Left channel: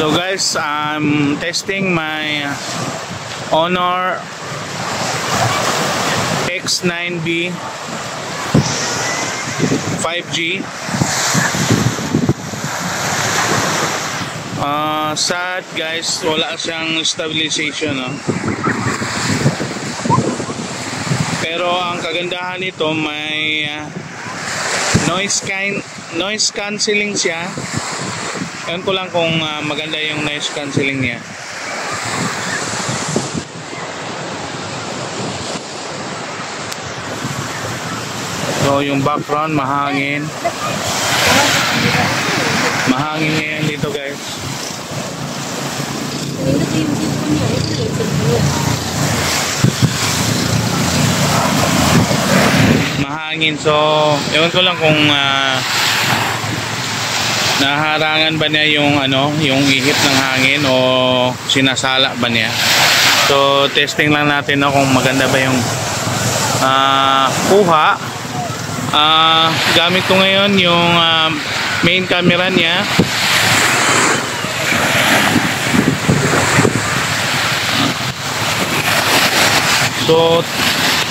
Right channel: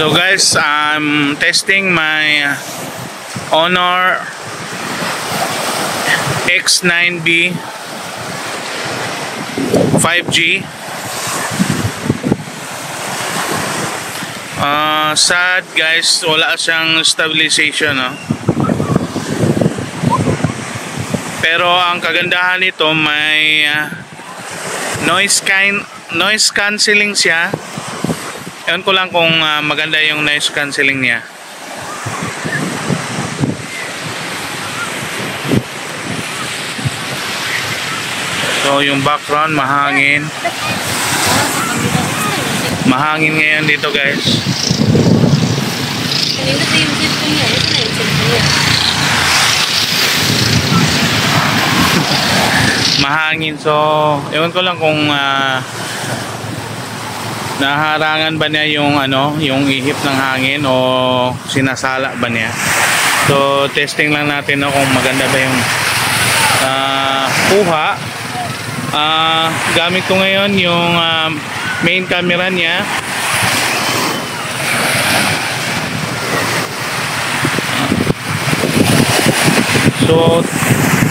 So guys, I'm testing my Honor X9B 5G. Sad guys, wala siyang stabilization, no? Pero ang kagandahan nito, may noise cancelling siya. Ewan ko lang kung maganda yung noise cancelling niya. So yung background mahangin. Mahangin ngayon dito guys. Mahangin, so ewan ko lang kung naharangan ba niya yung yung ihip ng hangin o sinasala ba niya. So testing lang natin kung maganda ba yung kuha. Gamit ko ngayon yung main camera niya. So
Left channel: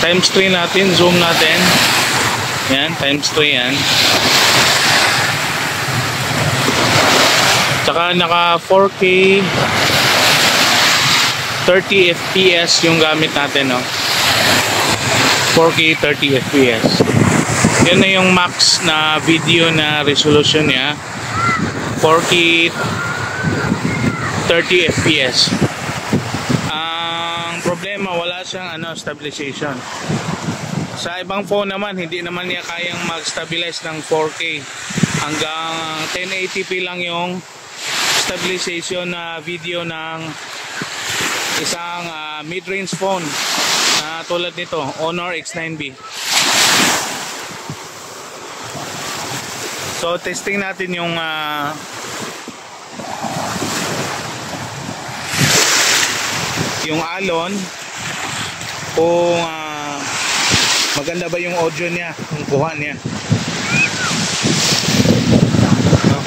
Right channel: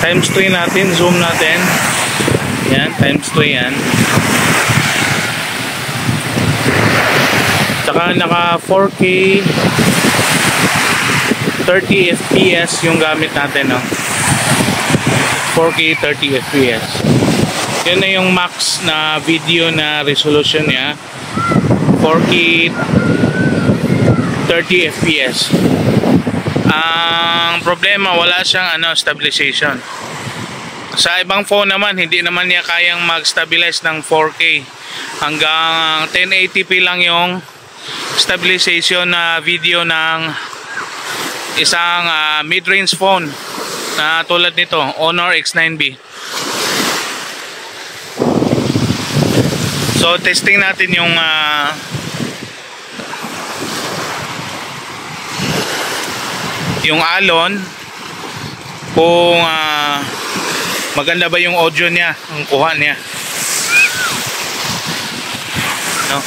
times 3 natin, zoom natin. Yan, times 3 yan. Tsaka naka 4K 30 fps yung gamit natin, no? 4K 30 fps. Yan na yung max na video na resolution niya. 4K 30 fps. Ang problema, wala siyang stabilization. Sa ibang phone naman, hindi naman niya kayang mag-stabilize ng 4K. Hanggang 1080p lang yung stabilization na video ng isang mid-range phone na tulad nito, Honor X9B. So testing natin yung alon, kung maganda ba yung audio niya, ang kuha niya, no?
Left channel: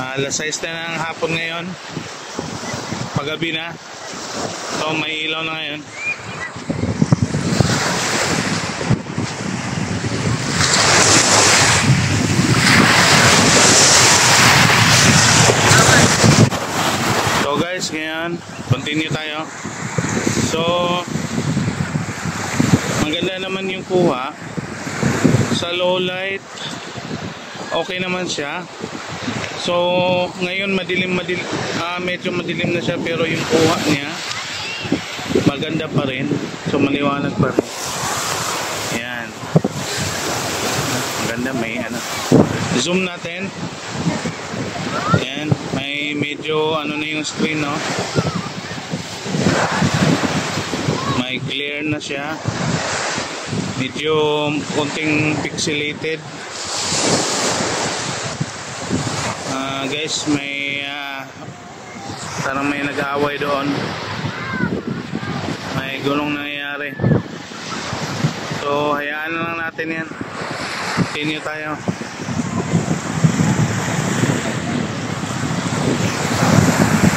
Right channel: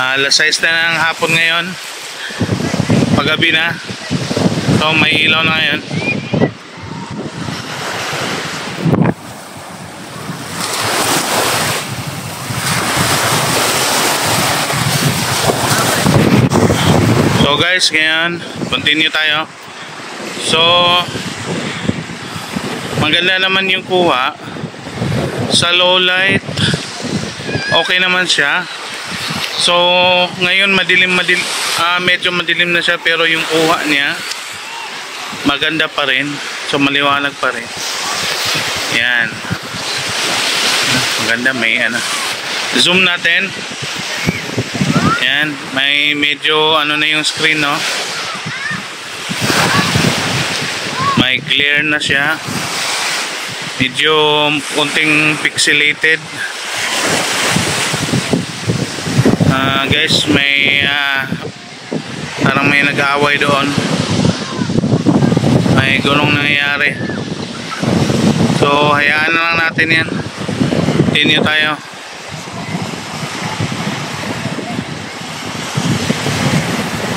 Alas 6 na ng hapon ngayon, paggabi na. So may ilaw na ngayon. So guys, ngayon continue tayo. So maganda naman yung kuha. Sa low light okay naman siya. So ngayon medyo madilim na siya, pero yung kuha niya maganda pa rin. So maliwanag pa rin. Yan. Maganda, may zoom natin. Yan, may medyo na yung screen, no? May clear na siya. Medyo konting pixelated. Guys, may parang may nag-aaway doon. May gulong nangyayari. So hayaan na lang natin yan. Continue tayo.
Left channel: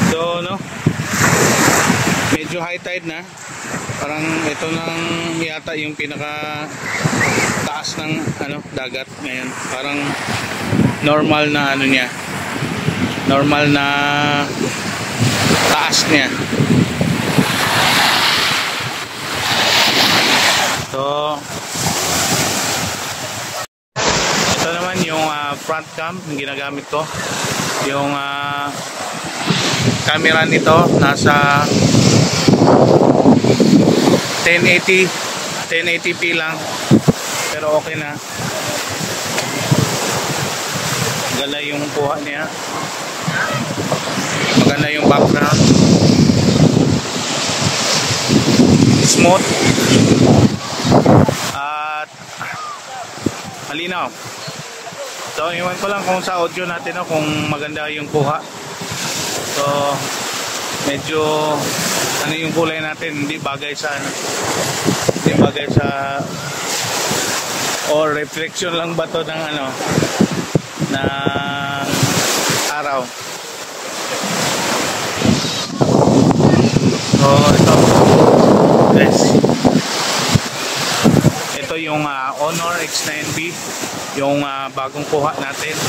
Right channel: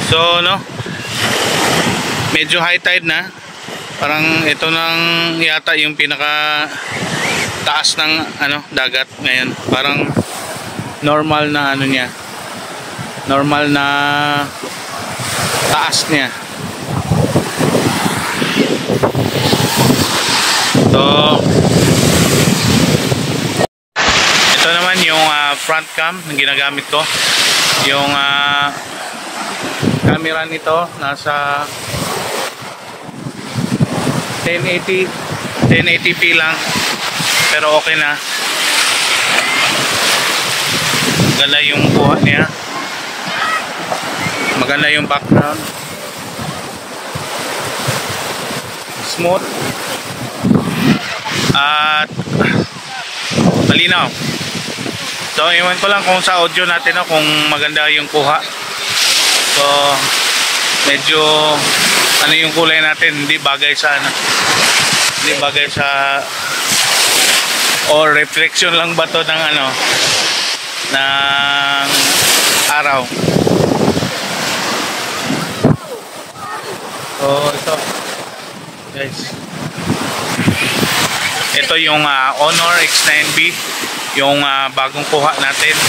So medyo high tide na. Parang ito nang yata yung pinaka taas ng dagat ngayon. Parang normal na niya, normal na taas niya. So ito naman yung front cam na ginagamit ko. Yung camera nito nasa 1080p lang, pero okay na. Maganda yung kuha niya, maganda yung background, smooth at malinaw. So iwan ko lang kung sa audio natin kung maganda yung kuha. So medyo yung kulay natin hindi bagay sa or reflection lang ba to ng ng araw. So ito guys, ito yung Honor X9B, yung bagong kuha natin.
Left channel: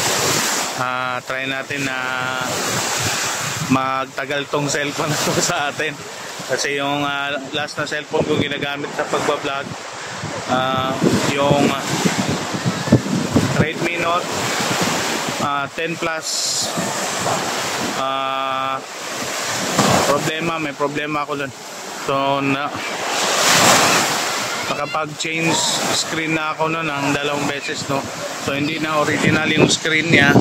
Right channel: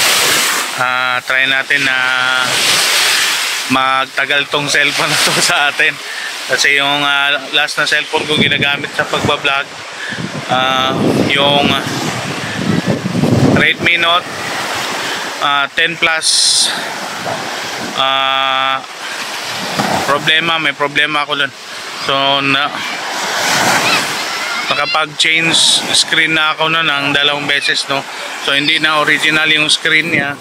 Try natin na magtagal tong cellphone na to sa atin, kasi yung last na cellphone ko ginagamit sa pagbablog, yung Redmi Note 10 Plus. May problema ako dun. So nakapag-change screen na ako nun ng 2 beses, no. So hindi na original yung screen niya.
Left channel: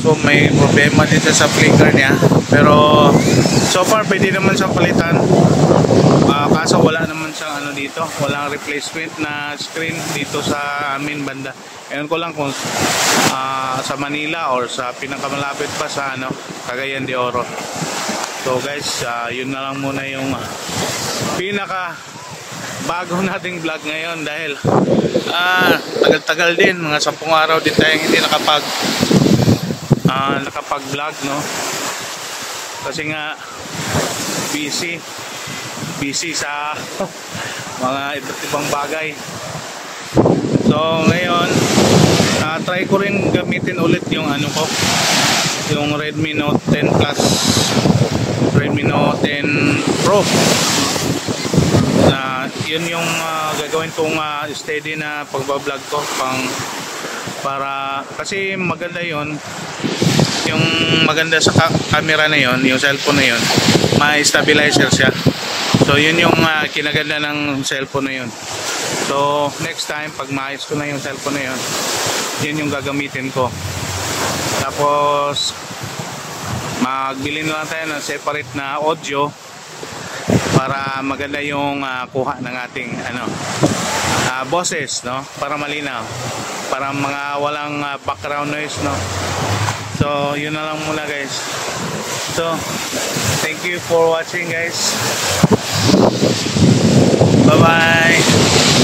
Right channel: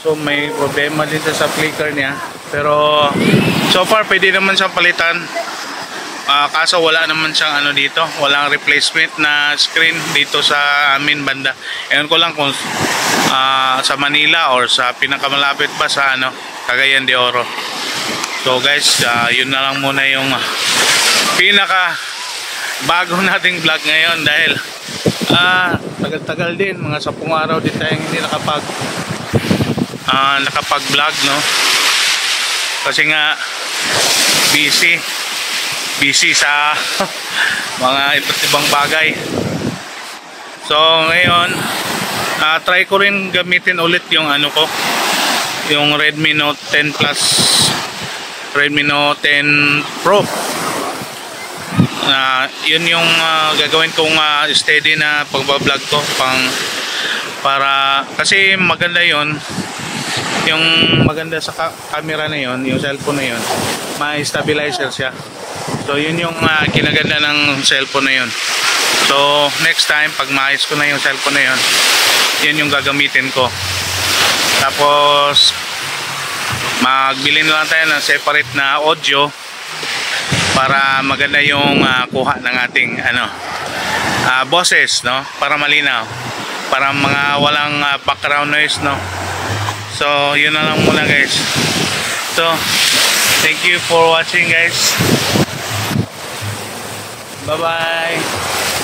So may problema din sa flicker niya. Pero so far pwede naman siyang palitan. Kaso wala naman siyang ano dito, walang replacement na screen dito sa amin banda. Ewan ko lang kung sa Manila or sa pinakamalapit pa sa Cagayan de Oro. So guys, yun na lang muna yung pinaka bago nating vlog ngayon, dahil tagal-tagal din, mga 10 araw din tayong hindi nakapag vlog, no. Kasi nga busy sa mga iba't ibang bagay. So ngayon try ko rin gamitin ulit yung yung Redmi Note 10 Plus, Redmi Note 10 Pro. Yun yung gagawin kong steady na pagbablog ko, para kasi maganda yon, yung maganda sa camera na yon, yung cellphone na yon, may stabilizer siya. So yun yung kinaganda ng cellphone na yon. So next time pag maayos ko na yung cellphone na yon, yun yung gagamitin ko. Tapos magbili na lang tayo ng separate na audio para maganda yung kuha ng ating boses, no, para malinaw, para mga walang background noise, no. So yun na lang muna guys. So thank you for watching guys. Bye bye.